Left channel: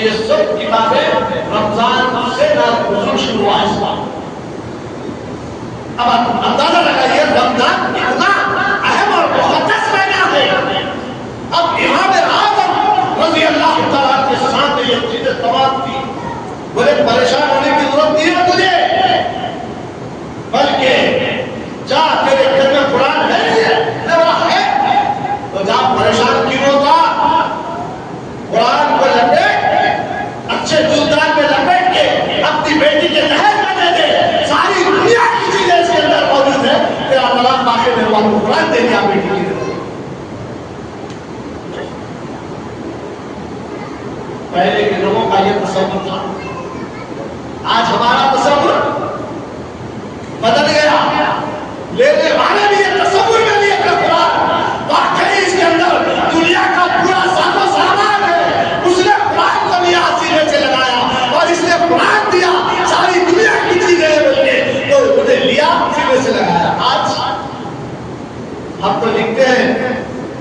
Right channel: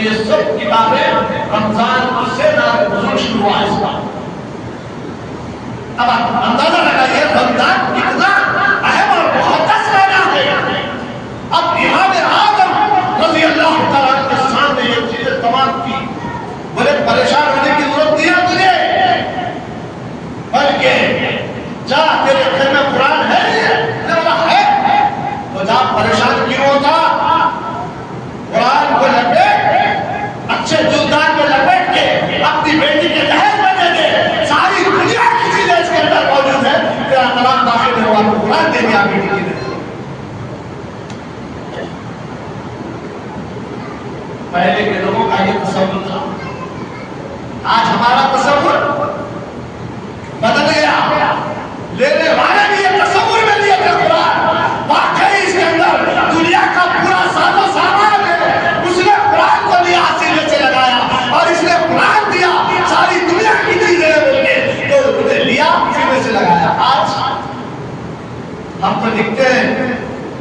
یہ سب کتابیں رمضان سے نازل شروع ہوا اس بات. اب اندازہ لگائیے رمضان کتنا اہم اور مقدس مہینہ ہے. اب امام اعظم رضی اللہ تعالیٰ کے ساتھ یہ چیزیں تمام کی. بولے پریشان ہونے کی ضرورت نہیں ہے تجھے، بلکہ جا تیرے گھر میں قرآن ہے تو جا پریشان کیوں ہوتا. قرآن کو لپیٹ اچھے جلدان میں لپیٹ کے اپنی بیٹی کے دہیج میں دے دے. ساری دنیا کی چیزیں اس کے اندر موجود ہے. تیرا طلاق باقی میں ہوا تو قرآن دے دیا بیٹی کی دے. پہلے کے لوگوں کا یہ تصور تھا. آج ہمارا تصور بدل گیا. لینے والے بھی یہ تصور میں لیے کہ قرآن واقعی اس کے اندر دنیا کا پورا ساز و سامان ہے. اس نے قرآن کو لیا سینے سے لگایا اور اس نے قرآن دیا ساری دنیا کی چیزیں بول کے تو انہیں لیا سینے سے لگایا. آج ہم تو لکھتے ہیں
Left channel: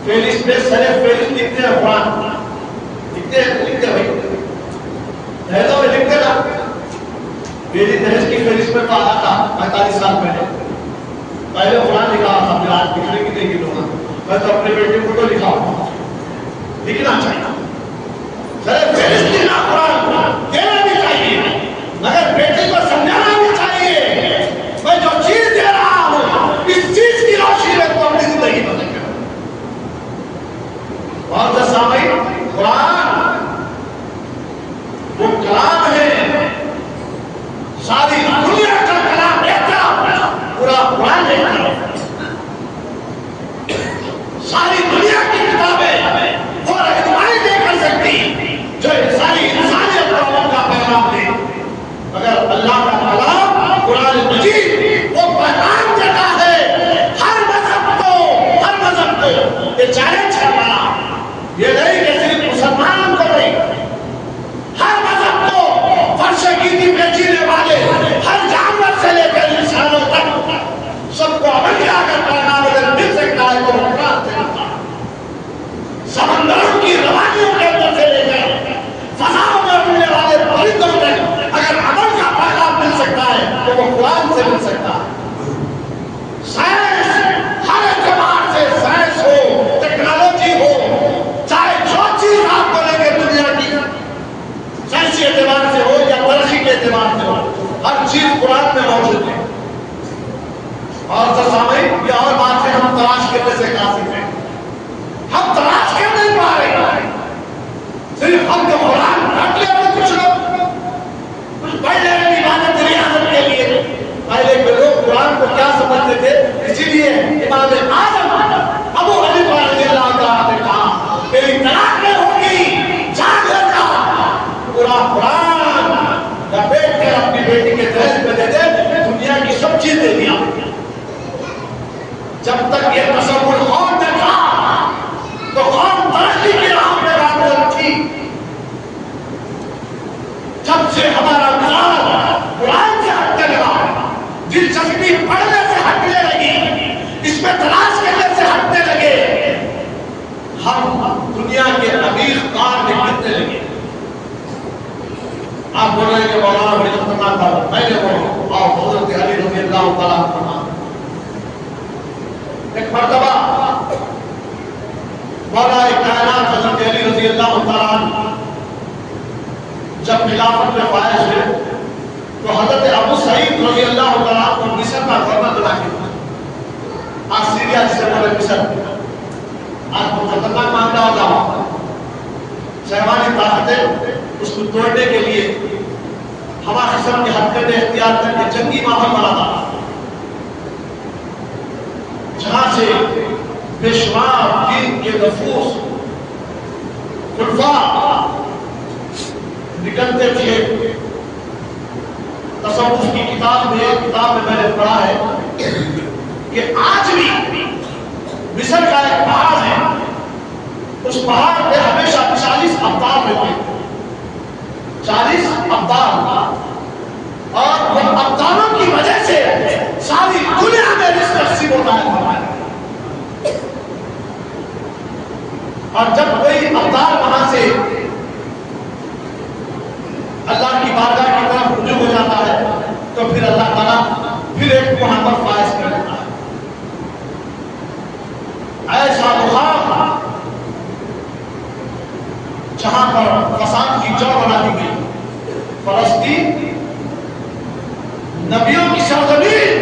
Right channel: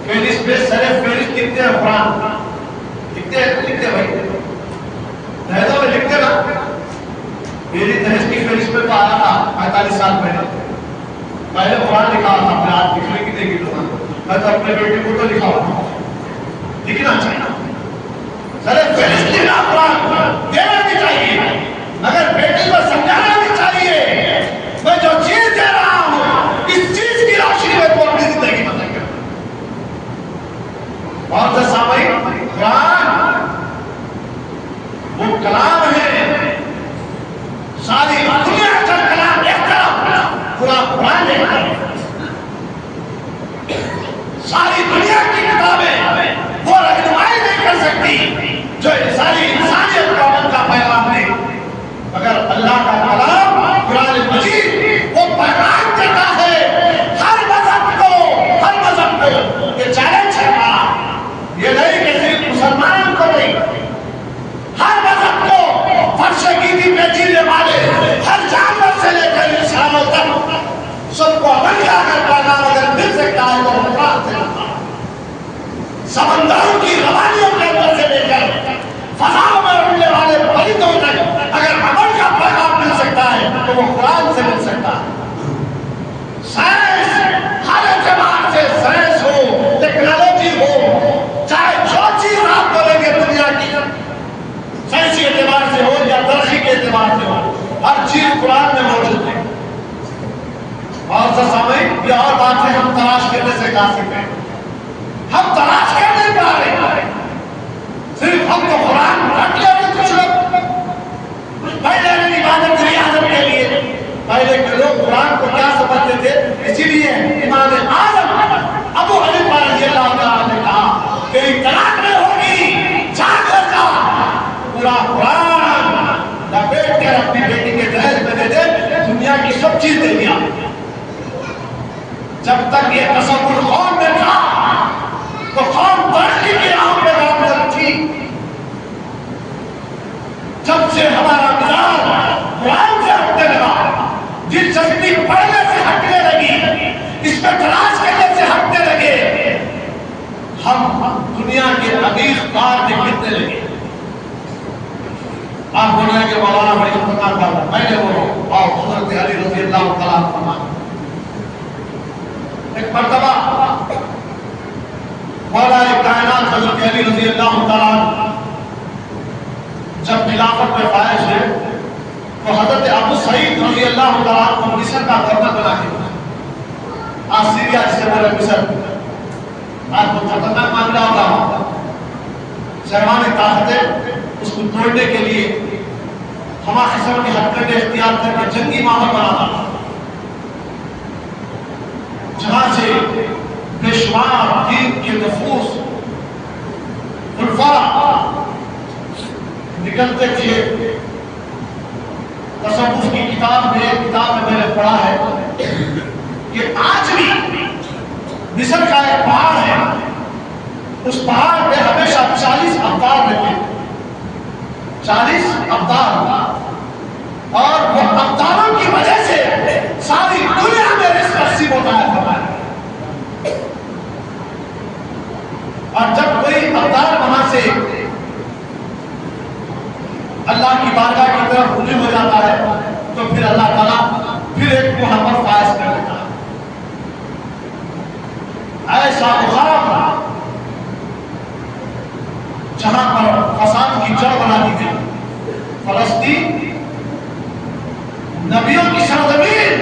فہرست پہ سر فہرست لکھتے ہیں قرآن لکھتے بھائی لہذا میں لکھتے نا. میری دہیج کی فہرست میں تو آیا تھا 45 سال پہلے. پہلے قرآن لکھا تھا پھر آج لکھنے کی نہیں لکھوں گا. میں تو اپنے بیٹے کو تو لکھاؤں لکھنا چاہیے. سر فہرست لکھنا قرآن دینا بھی چاہیے مگر بیٹے کو سمجھانا بھی چاہیے. میں جو چیز دے رہا ہوں اس چیز کی روشنی میں تو اپنی زندگی بدل کر. بہت سے سامعین قرآن وہ کلام ہے. ساری دنیا کا کلام ایک طرف پورا قرآن ایک طرف. ساری دنیا کی کتابیں وہ رہنمائی نہیں کر سکتی جو ساری انسانیت کو امن کا پیغام دے. مگر اللہ کا کلام قرآن مجید وہ پیغام دیتا ہے ہر مذہب کو. یہ چیلنج ہے ہمارا. یہ نہیں کہ صرف مسلمان کو نہیں، ہر مذہب کو فرش گیدی پہ جینے والے ہر جانور سے لے کر انسانوں تک سب کو عمل اگر پیغام اگر مل سکتا ہے تو قرآن سے ملتا. سمندروں کی روانیوں کے اندر سے لے کر فضاؤں میں اڑنے والے پرندوں تک اگر عمل کا پیغام مل سکتا ہے تو وہ قرآن سے مل سکتا ہے. سائنس ہر اعتبار سے سائنس ہو ٹیکنالوجی ہو چاہے جو چیز آپ بولیں گے دنیا کی سائنسی اعتبار سے ہو یا ترقی کے اعتبار سے ہو ہر چیز قرآن میں موجود ہے. اور سر سامعین یہ اور بات ہے ہم تلاش کرنے سے قاصر ہیں. ہم تلاش کر نہیں پا رہے. صرف ہم تو قرآن رکھ لیتے کچھ لوگ پہلے کی عبادت ریاضت کے لیے. پہلے کے لوگ قرآن کو کیا سمجھتے تھے؟ اسی لیے امام اعظم ابو حنیفہ رضی اللہ تعالیٰ نے کہا تیری طلاق نہیں ہوگی جاگ جا پورا قرآن لپیٹ کر اپنی بیٹی کے دہیج میں دے دے. دنیا کی سب چیز دے دیا. جب تک یہ تصور قوم میں تھا تو قوم ترقی کی راہ پہ گامزن تھی. جب سے ہمارا نظام قرآن سے ہٹنے لگا، دلچسپی پڑھنے سے ہٹنے لگی، اس میں تلاش کرنے سے ہٹنے لگے، ہم دنیا کے عمیق کار میں گرنے لگے. آپ بولیں کہ مولانا بڑی خطرناک بات ہے. میں نے بولو اور حضرت علی رضی اللہ تعالیٰ عنہ ایک مرتبہ مولا کائنات حضرت علی رضی اللہ تعالیٰ عنہ جب خلافت میں فائز ہوئے تو حضرت ابو سعید رضی اللہ تعالیٰ عنہ کو مصر کا گورنر بنا کے آج سیریا جسے بولے مصر آج تو خطرناک معاملہ ہوتا ہوا. شہوانی طاقتیں اس کو توڑنے کے لیے ہما قسم کے ہتھکڑے اختیار کر کے جنگی ماحول بنا تھا جہاں سے بے شمار دین کے نفوس خلفاء نکلتے تھے. تصوف کی کتاب میں نے پڑھا ہے کہ آج بھی مصر کا ایک پہاڑ ہے. اس پہاڑ پہ ہمیشہ 40 ابدال رہتے ہیں. 40 ابدال اور وہ ابدالوں کی وجہ سے ساری دنیا میں رزق نصیب ہوتا ہے. اور جب کوئی ابدال وہاں سے اللہ کی بارگاہ کی طرف رجوع ہو جاتا ہے تو پھر اللہ تعالیٰ پھر ایک محبت فائز کر دیتا ہے. ایسا مقام جہاں پر فساد کی جڑ بنا دی گئی. فلسطین نبیوں کی سرزمین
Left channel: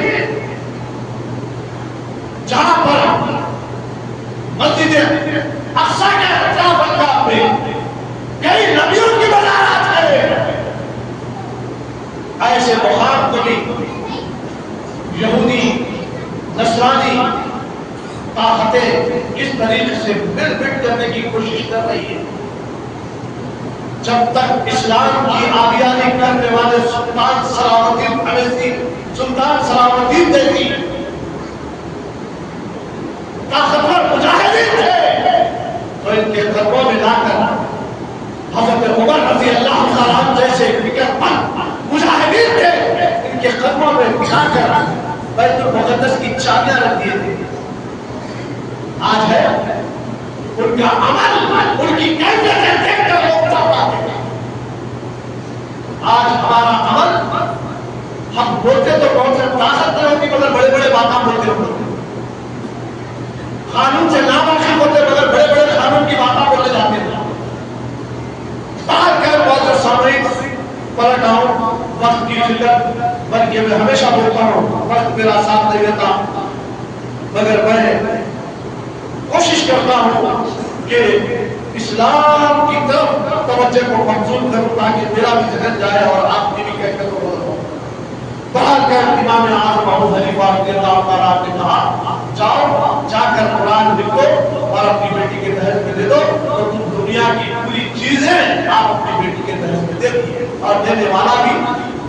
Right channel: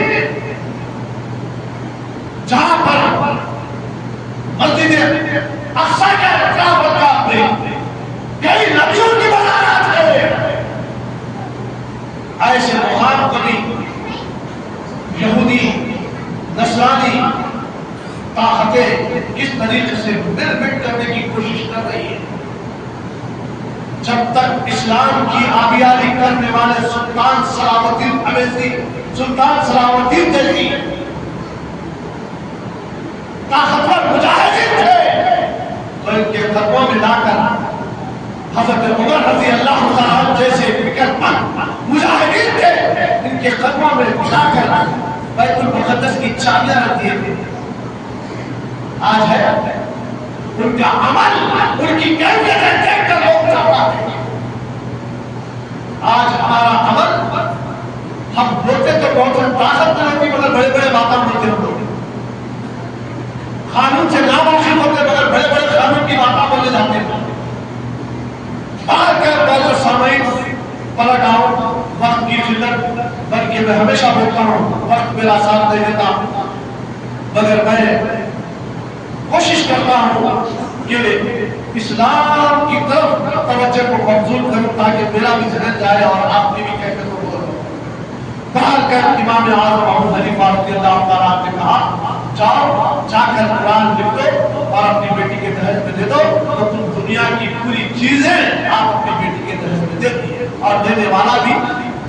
جہاں پر مسجد اقصی کے اطراف میں کئی نبیوں کی بنایات ہے. ایسے مقام کو بھی یہودی نصرانی طاقتیں اس طریقے سے مل بٹ کرنے کی کوشش کر رہی ہے. جب تک اسلام کی آبیاری کرنے والے سلطان صلاح الدین اویسی، سلطان صلاح الدین دیکھی طاقتور مجاہدین تھے تو ان کے قدموں میں لا کر حضرت عمر رضی اللہ تعالیٰ عنہ جیسے فکر مند مجاہدین تھے ان کے قدموں میں بٹھا کر بیت المقدس کی چابیاں رکھ دیے تھے. آج ہے ان کا عمل، ان کی کیفیت دیکھ کر لوگ چاہتے ہیں. آج ہمارا عمل، ہم بولتے تو بہت طاقت نہیں ہوتی مگر بڑے بڑے باتیں بولتے ہوتے، قانون سے ناموافق ہوتے مگر بڑے بڑے قانون کی باتیں بولے جاتے ہیں. باہر کر بہت سامعین پلٹ آؤ، وقت کی قلت، بلکہ میں ہمیشہ بولتا ہوں وقت میرا ساتھ دے دیتا مگر میں کوشش کرتا ہوں کہ اسلام کی طرف توجہ کو مبذول کروں تاکہ میرا بھی ذہن جائے اور آپ کی بھی کہتے کو باہر کر امام اعظم ابو حنیفہ رضی اللہ تعالیٰ عنہ نے کہا جاؤ جا کر قرآن لکھ دو اور اپنی بیٹی کے دہیج میں دے دو تو تم دنیا کی پوری چیزیں آپ اپنی بیٹی کے دہیج میں دے دیے. اور دینے والا بھی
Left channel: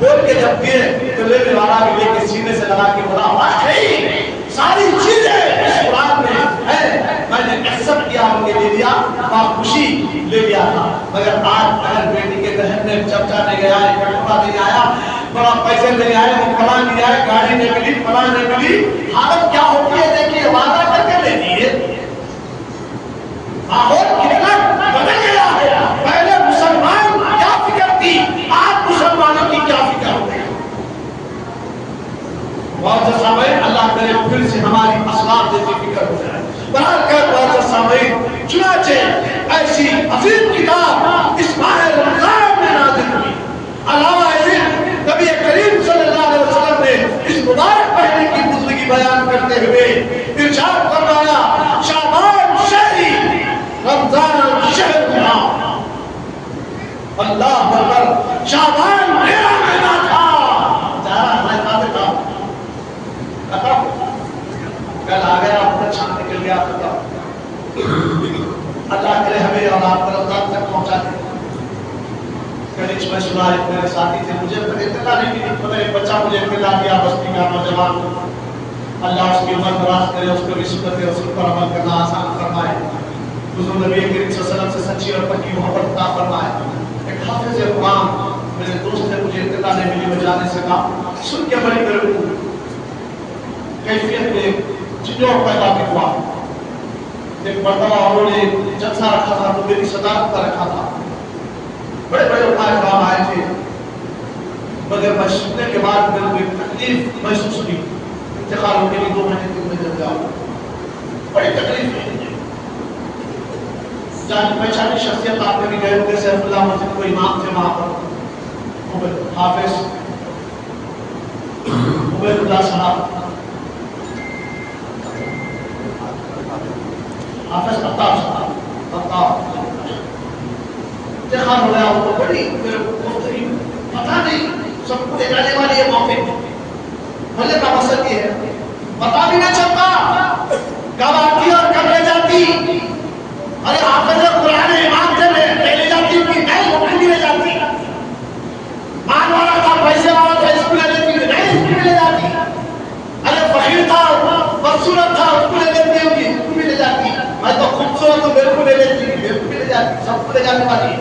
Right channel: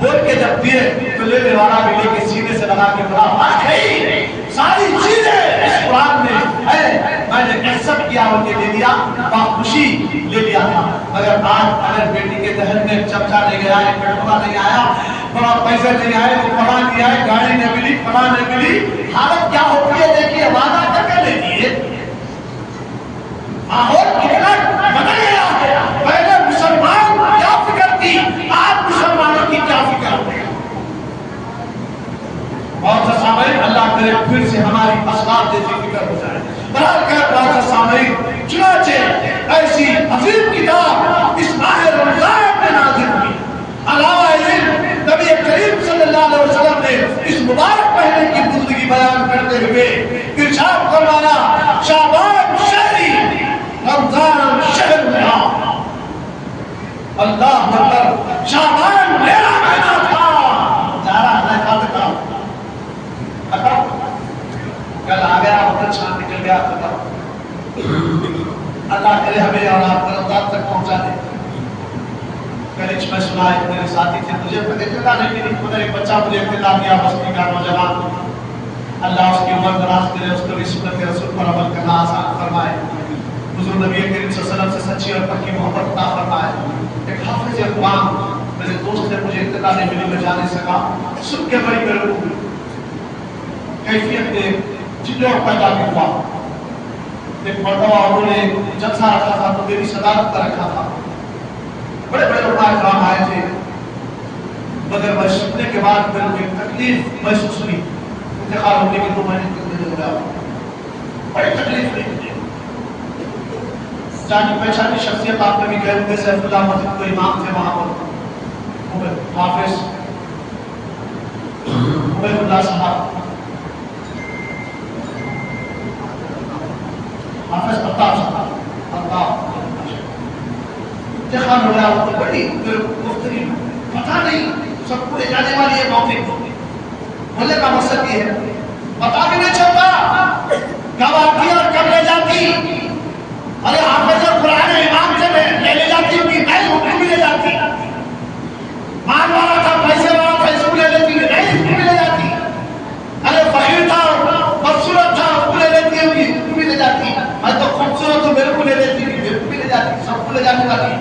بول کے جب دیے تو لینے والا بھی لے کے سینے سے لگا کے بولا واقعی ساری چیزیں اس قرآن میں ہے، میں نے ایکسپٹ کیا اور کے لے لیا، خوشی لے لیا تھا. مگر آج اگر بیٹی کے دہن میں چمچا نہیں گیا، کٹورا نہیں آیا، بڑا پیسے نہیں آئے، فلاں نہیں آئے، گاڑی نہیں ملی، فلاں نہیں ملی، حالت کیا ہوتی ہے دیکھیے. وعدہ کر کے لے لیے، ماحول کتنا بدل گیا ہے. پہلے مسلمان کیا فکر تھی، آج مسلمانوں کی کیا فکر ہے. بہت سے سامعین اللہ کرے پھر سے ہماری اسباب جیسی فکر ہو جائے. برحال کر بہت سے سامعین چنانچہ ایسی عظیم کتاب اس ماہ رمضان میں نازل ہوئی. علاوہ ازیں نبی کریم صلی اللہ علیہ وسلم نے اس مبارک مہینے کی بزرگی بیان کرتے ہوئے ارشاد فرمایا شعبان شہری رمضان شہر اللہ. اللہ اکبر، شعبان میرا مہینہ تھا. جا رہا ہے کہا کل آ گیا بہت اچھا نکل گیا ختم. اللہ کرے ہمیں اور آپ کو رمضان تک پہنچا دے. کل میں سنا ایک میرے ساتھی تھے، مجھے اطلاع نہیں ملی مگر ایک بچہ مجھے اطلاع دیا بستی کا نوجوان. اللہ اس کی عمر دراز کرے، اس کو بھی سنت رسول پر عمل کرنا آسان فرمائے. حضور نبی کریم صلی اللہ علیہ وسلم سے سچی اور پکی محبت عطا فرمائے. ایک حافظ قرآن میرے دوست نے مجھے اطلاع نہیں ملی، میں جا نہیں سکا. سن کے بڑی میرے کو کیفیت میں جنوں پیدا ہوا. ایک مرتبہ انہوں نے جلسہ رکھا تھا تو میری صدارت کا رکھا تھا. بڑے بڑے علماء کرام آئے تھے مگر میں سننے کے بعد میرے تکلیف محسوس ہوئی. انتقال ہونے کی 2 مہینے 3 مہینے ہو گیا، بڑی تکلیف ہوئی. جانی پہچانی شخصیت آپ نے بھی گئے ہوئے، سیف اللہ مسجد کو امام تھے وہاں پر، حافظ عبید اللہ صاحب، حافظ عطاف صاحب، عطاف انتقال ہو گیا. تو بڑی مختلف پتہ نہیں سب کو لے جانے والی یہ موقع بھلے کا مقصد یہ ہے پتہ بھی نہیں چلتا کب آتی اور کب لے جاتی. ارے حافظ قرآن امام سے میں لے جاتی ہوں کہ نہیں حکم بھی لے جاتی. مان والا تھا، پیسے والا تھا، اس کو لے لیتی نہیں اس کو بھی لے جاتی. ارے فقیر تھا، بدصورت تھا، اس کو لے لیتی ہوں کہ اس کو بھی لے جاتی. میں تو خوبصورت ہوں، میرے کو لے لیتی ہوں، میرے کو بھی لے جاتی. سب کو لے جانے والی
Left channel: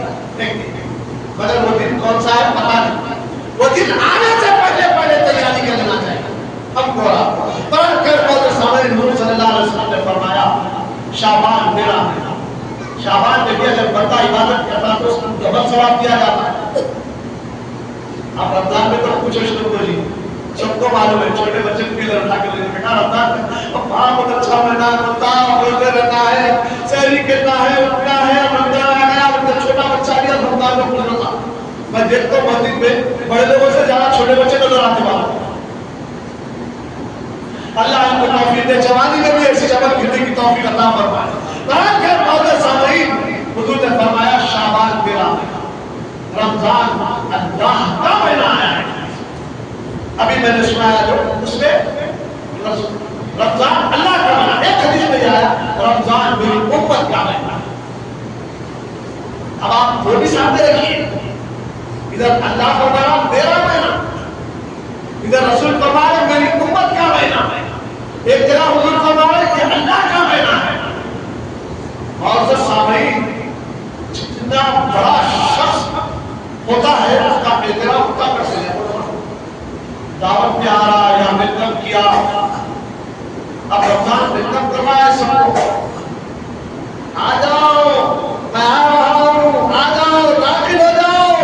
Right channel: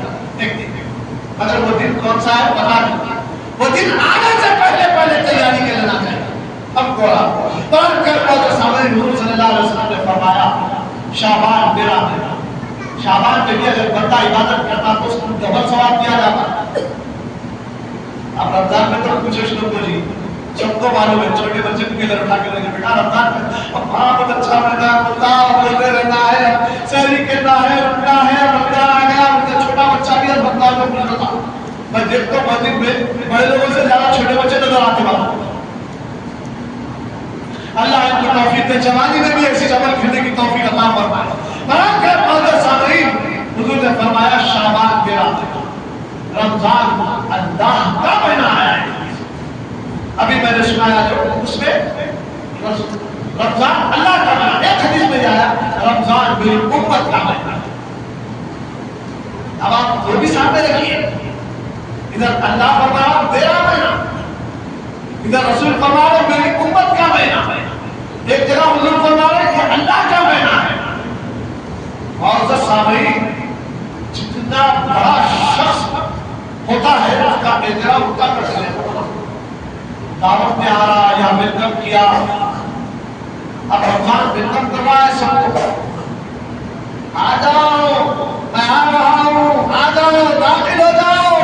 مگر وہ دن کون سا ہے پتہ نہیں. وہ دن آنے سے پہلے تیاری کر لینا چاہیے. اب قرآن قرآن کر پاؤ سامنے نور صلی اللہ علیہ وسلم نے فرمایا شعبان میرا ہے. شعبان کے لیے اگر بندہ عبادت کرتا تو اس کو ڈبل ثواب دیا جاتا. اب رمضان میں تو کچھ شروع کو جی سب کو معلوم ہے، چھوٹے بچے کے لیے اٹھا کے لگے بیٹا رمضان بہت اچھا مہینہ ہوتا بولتے رہنا ہے، سحری کرنا ہے، اٹھنا ہے، رمضان آ گیا، مطلب چھوٹا بچہ بھی رمضان میں پڑھ رہا۔ میں دیکھتا ہوں مسجد میں بڑے لوگوں سے زیادہ چھوٹے بچے نظر آتے ہیں۔ اللہ ان کو توفیق دے، جوانی میں بھی ایسی عمل کرنے کی توفیق عطا فرمائے۔ برابر معزز سامعین، حضور نے فرمایا شعبان میرا رمضان اللہ کا مہینہ ہے۔ ابھی میں نے سنایا جو اس میں رمضان اللہ کا مہینہ، ایک حدیث میں آیا رمضان میری امت کا مہینہ۔ اب آپ وہ بھی سامنے رکھیے، ادھر اللہ فرمایا میرا مہینہ، ادھر رسول فرمایا میری امت کا مہینہ ہے۔ ایک جگہ حضور فرمایا کہ اللہ کا مہینہ ہے۔ اور سامعین، جتنا بڑا شخص ہوتا ہے اس کا احترام ہوتا ہے، دعوت میں آ رہا یا ویلکم کیا، اب رمضان ویلکم کروایا سب کو، آ جاؤ میں آ رہا ہوں، آ جاؤ داخل ہو جاؤ،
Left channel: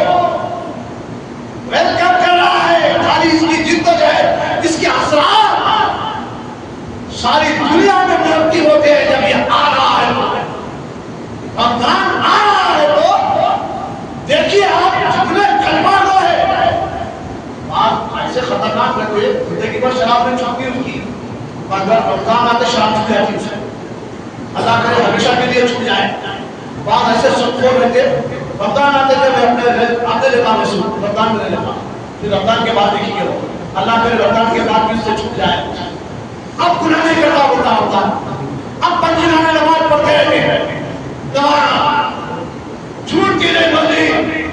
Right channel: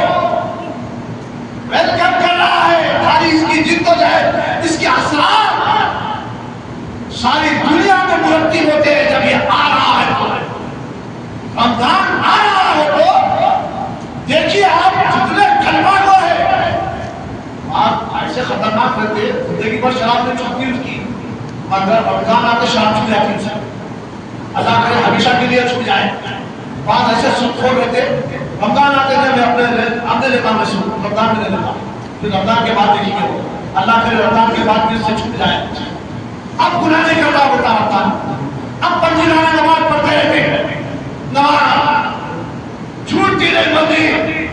ویلکم کر رہا ہے۔ خالی اس کی جد و جہد، اس کے اثرات ساری دنیا میں مرتب ہوتے ہیں جب یہ آ رہا ہے۔ رمضان آ رہا ہے تو دیکھیے آپ جتنے کلمہ گو ہے، آپ ایسے خطرناک رہتے زندگی پر شراب نے چھوٹی اس کی، مگر رمضان آتے شراب چھوٹ جاتی ہے، اللہ کرے ہمیشہ کے لیے چھوٹ جائے۔ بعض ایسے سب کھول رہتے رمضان آتے تھے، میں اپنے لیتا میں سن رمضان میں لیتا، پھر رمضان کے بعد دیکھیے اللہ کرے رمضان کے بعد بھی اس سے چھوٹ جائے۔ اب گناہ نہیں کرتا ہوتا، اب پنجیروں میں نماز پڑھتے رہتے ہیں، نماز چھوٹتی نہیں بندی،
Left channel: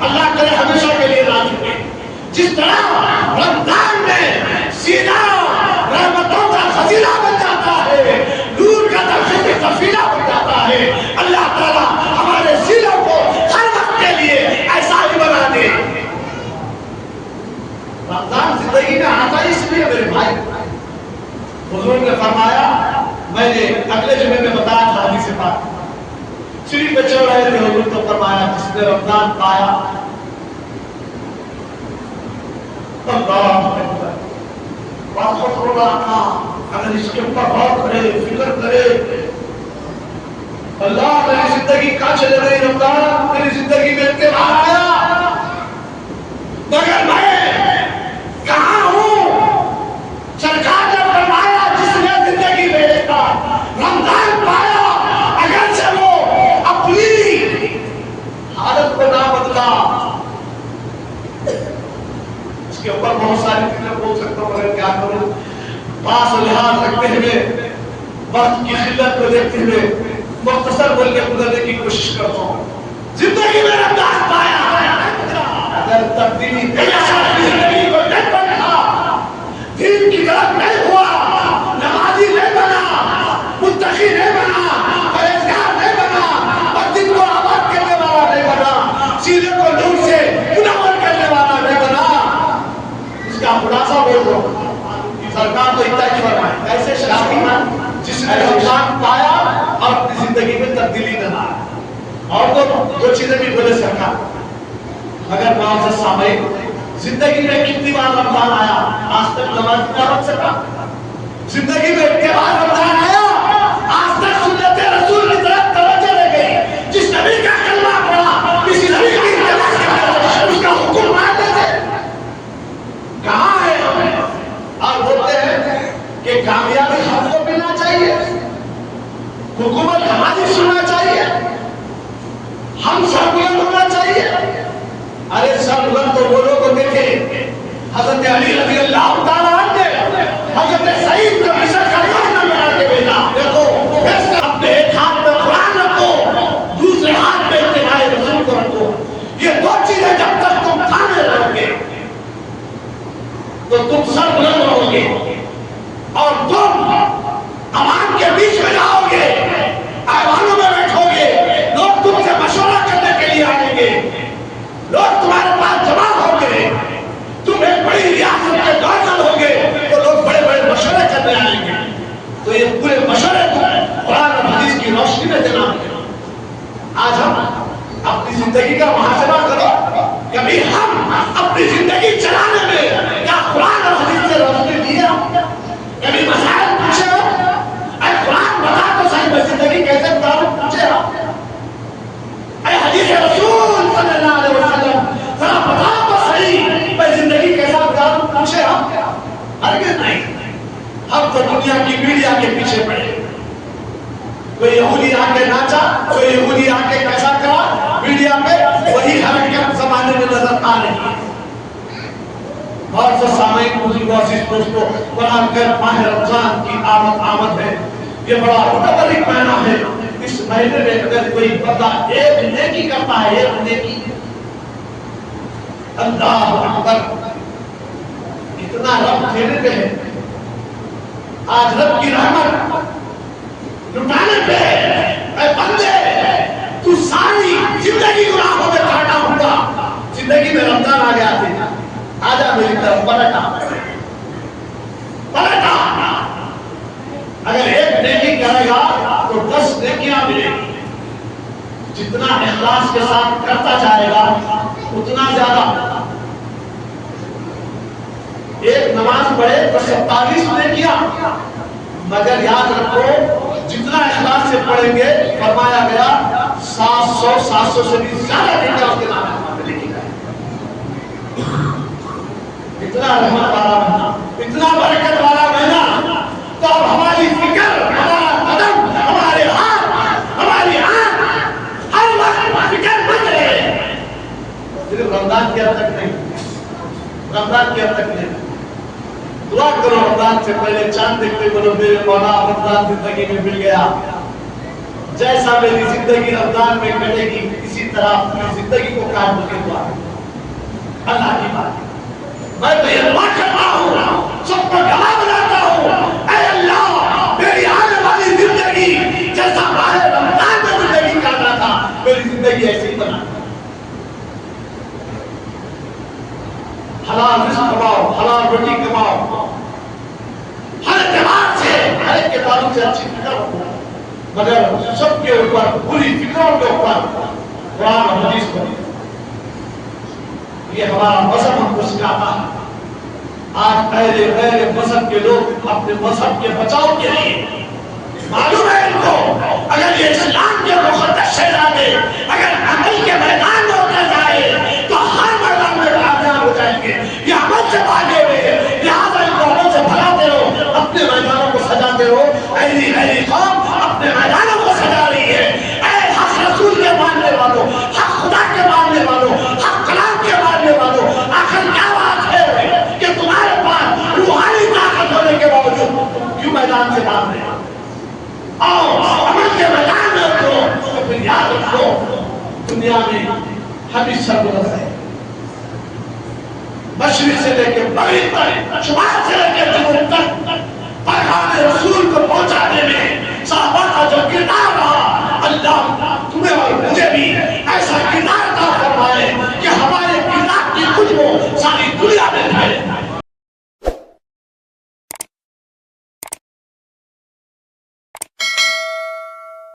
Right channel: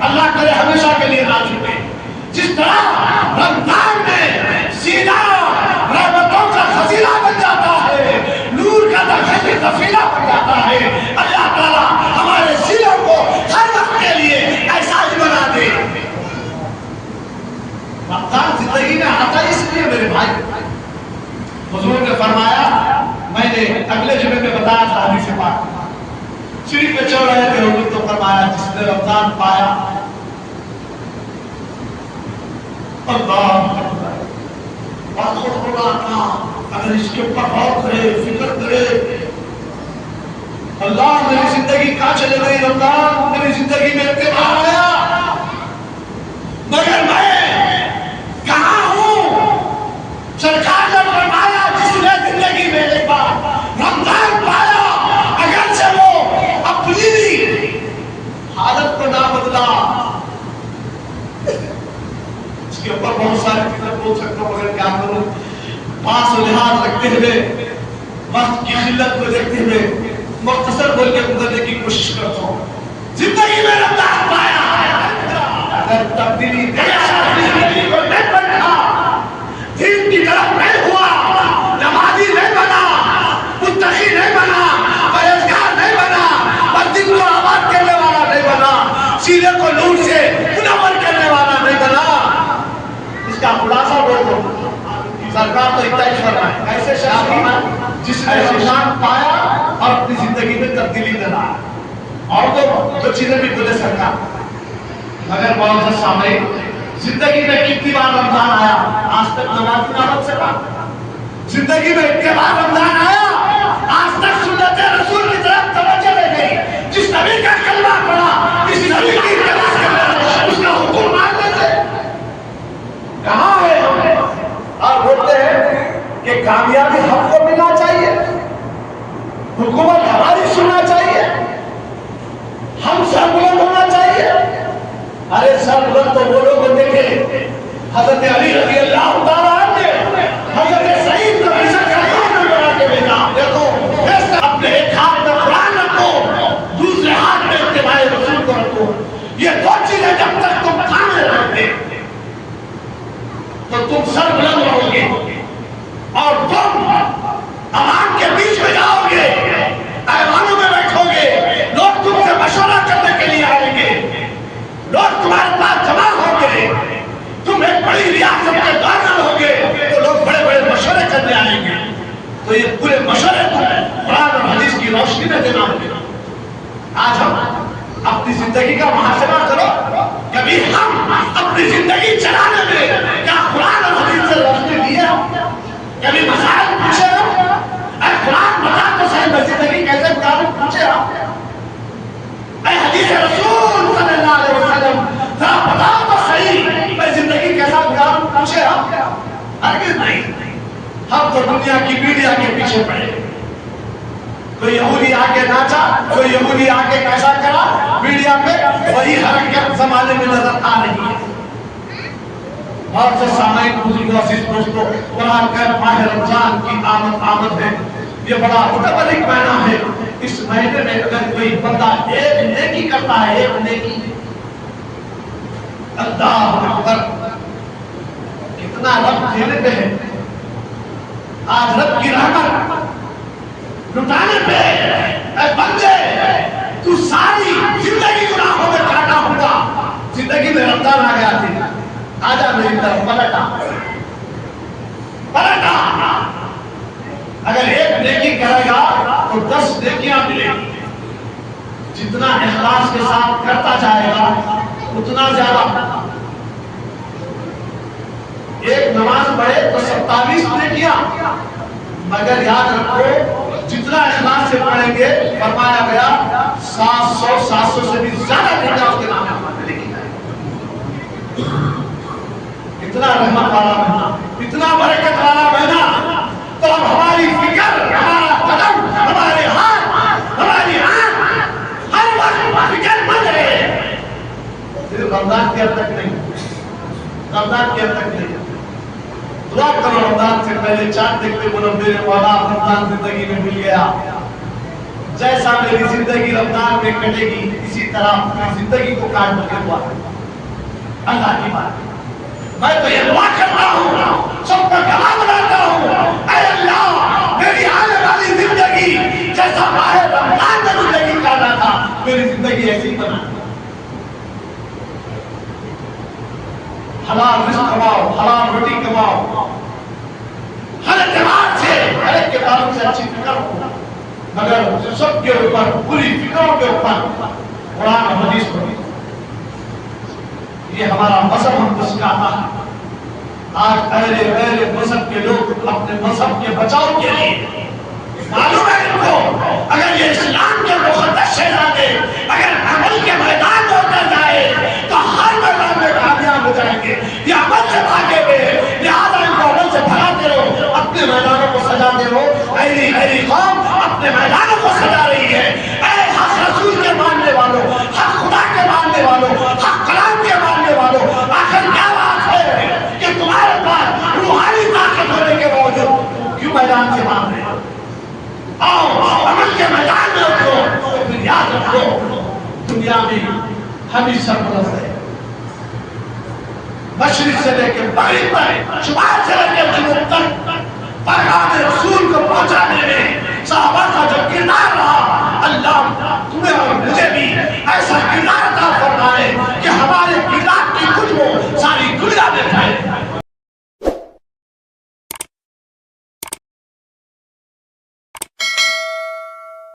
اللہ کرے ہمیشہ کے لیے نہ چھوٹے۔ جس طرح رمضان میں سینہ رحمتوں کا خزینہ بن جاتا ہے، نور کا درجہ سفینہ بن جاتا ہے، اللہ تعالیٰ ہمارے سینوں کو ہر وقت کے لیے ایسا ہی بنا دے۔ رمضان زندگی میں آتا اس لیے میرے بھائی، حضور نے فرمایا، میں نے اگلے جمعے میں بتایا تھا حدیث پاک، شریف پہ چل رہے تھے، حضور تو فرمایا جس نے رمضان پایا، اللہ اکبر، باتوں کو رکھنا، اگر اس کے اوپر غور کرے، فکر کرے، اللہ میری زندگی کہاں چلے گئی، رمضان میری زندگی میں تہوار آیا، مگر میں کہاں ہوں؟ سرکار نے فرمایا جس نے زندگی میں ایک بار رمضان پایا، اگر سے وہ اپنی حالت کو نہ بدلا، اس کے اوپر بہت ساری چیزیں بول سکتا ہوں مگر کیا کروں، پاس و لحاظ رکھتے ہوئے، وقت کی قلت کو دیکھتے ہوئے مختصر بول کے گزرنے کی کوشش کرتا ہوں۔ زندگی میں رمضان پایا، اگر تبدیلی زندگی کو نہیں بنا، دین کی طرف نہیں ہوا، نمازی نہیں بنا، متقی نہیں بنا، پرہیزگار نہیں بنا، اور دل کو آباد کرنے والا نہیں بنا، سینے کو نور سے منور کرنے والا نہیں بنا، اس کا خلاصہ بول دو۔ سرکار تو اتنا ہی فرمائے، ایسے شخص جس نے رمضان پایا اور اپنی زندگی میں تبدیلی نہ لائی، اور تو جو چیزیں بھی بولے سرکار، مگر معزز سامعین، زندگی میں کتنی بار رمضان آیا، آج تک نماز نہ رکھ سکا، زندگی میں اتنے بار رمضان آیا، آج تک سنت رسول کی طرف توجہ رہ گئی، جس نبی کا کلمہ پڑھا، کسی نبی کی اس کا حکم مانتے تھے، کہاں ہے؟ اور بولتے ہیں کہ کامیابی ہم کو ملنا چاہیے، حکومت ہماری سننا چاہیے، ہم سربلند ہونا چاہیے۔ ارے سربلند تو وہ لوگ ہوتے تھے، حضرت علی رضی اللہ تعالیٰ عنہ، حضرت سعید کو عیسیٰ کا ایمان بنا کے بھیجا، دیکھو اپنے ایک ہاتھ میں قرآن رکھو، دوسرے ہاتھ میں اتباع رسول کو رکھو، یہ دو چیزیں جب تک تم کھانے رہو گے تو تم سربلند رہو گے، اور تم عوام کے بیچ میں جاؤ گے، ایوانوں میں بیٹھو گے، لوگ تم سے مشورہ کرنے کے لیے آئیں گے، لوگ تمہارے پاس جمع ہوں گے، تم ایک بڑی ریاست کے گورنر ہوں گے تو لوگ بڑے بڑے مشورے کرنے آئیں گے، تو یہ پورے مشورے قرآن اور حدیث کی روشنی میں دینا ہے۔ آج ہم اپنی زندگی کا محاسبہ کرو، کبھی ہم اپنی زندگی چلا ہم تو دنیا کی میڈیا کے پیچھے پڑے. کوئی یہودی آ کے ناچا, کوئی یہودی آ کے کیسا کرا, میڈیا پہ وہی حرکت زمانے میں نظر آ رہی ہے. اور جو سامعین بزرگوں عزیز دوستوں, قرآن کا ماہ رمضان کی آمد ہے, یہ بڑا متبرک مہینہ ہے. اس مہینے میں اگر کوئی بندہ ایک نیکی کرتا ہے, ایک نیکی, اللہ اکبر, کتنا رب دینے پہ ہے. آج رب کی رحمت لٹانے پہ, اے بندے تو ساری زندگی گناہوں میں کاٹا ہوا, زندگی میں رمضان آ گیا تھی, آجا میری طرف پلٹا پلٹا. اگر ایک نیکی کرے گا تو 10 نیکیاں ملے گی. جتنا اخلاص کے ساتھ کرتا جائے گا اتنا زیادہ. ایک نماز پڑھے تو 27 نیکیاں, مگر یاد رکھو جتنا اخلاص سے پڑھیں گے, فرمایا گیا 700 سے بھی زیادہ نیکیاں اس کے نام میں لکھی جائیں. اتنا رحمت والا مہینہ, اتنا برکت والا مہینہ. تو اب ہماری فکر, ہمارا قدم, ہمارے ہاتھ, ہماری آنکھ ہر وقت فکر مند رہے. صرف رمضان کے حد تک نہیں, رمضان کے حد تک نہیں. دعا کرو رمضان سے پہلے چاند دیکھتے بولو میرے مولا رمضان زندگی میں مل گیا. جیسا میری زندگی رمضان میں کٹے گی اسی طرح اپنی زندگی کو کاٹ کے دعا کرو. اللہ کی بات, میں تو یہ دعا کرتا ہوں, سب کو گواہ بناتا ہوں, اے اللہ میری آنے والی زندگی جیسا ماہ رمضان میں زندگی کاٹا تھا, میری زندگی ایسی بنا. حلال رزق کماؤ, حلال روٹی کماؤ, ہر اعتبار سے, ہر ایک کے تعلق سے اچھی فکر ہو, مگر سب کے اوپر, پوری فکروں کے اوپر قرآن اور حدیث پڑھی. یہ ہمارا مذہب ہم کو سکھاتا ہے. آج پہلے مذہب کے لوگ اپنے مذہب کے بچاؤ کے لیے, معلوم ہے ان کو اگر یہ اسلام کے مقدس شہزادے اگر عمل کے میدان میں اتر جائے تو ہر میدان میں کامیاب ہو جائیں گے. یہ عمل سے بھاگے ہوئے, لہٰذا ان کو عمل سے بھگاتے رہو, اپنے میدانوں کو سجاتے رہو. ایلی قوم اپنے میدانوں کو سجا رہی ہے. اے حق رسول کے ماننے والوں, حق خدا کے ماننے والوں, حق کلام کے ماننے والوں, آخر کیا بات ہے کہ تمہارے پاس روحانی طاقت ہونے کے باوجود کیوں میدان سے مار رہے ہیں؟ اور عمل کے میدان میں اترو. تو پھر یاد رکھو دنیا میں ہمیشہ سربلند ہے. مشرق سے لے کے مغرب تک, شمال سے لے کے جنوب تک پیغام رسول کو پہنچانے میں صحابہ کا جو کردار رہا, اللہ تمہیں اور مجھے بھی ایسا کردار عطا فرمائے کہ ہمارے کردار کی کچھ وہ ساری دنیا دیکھے.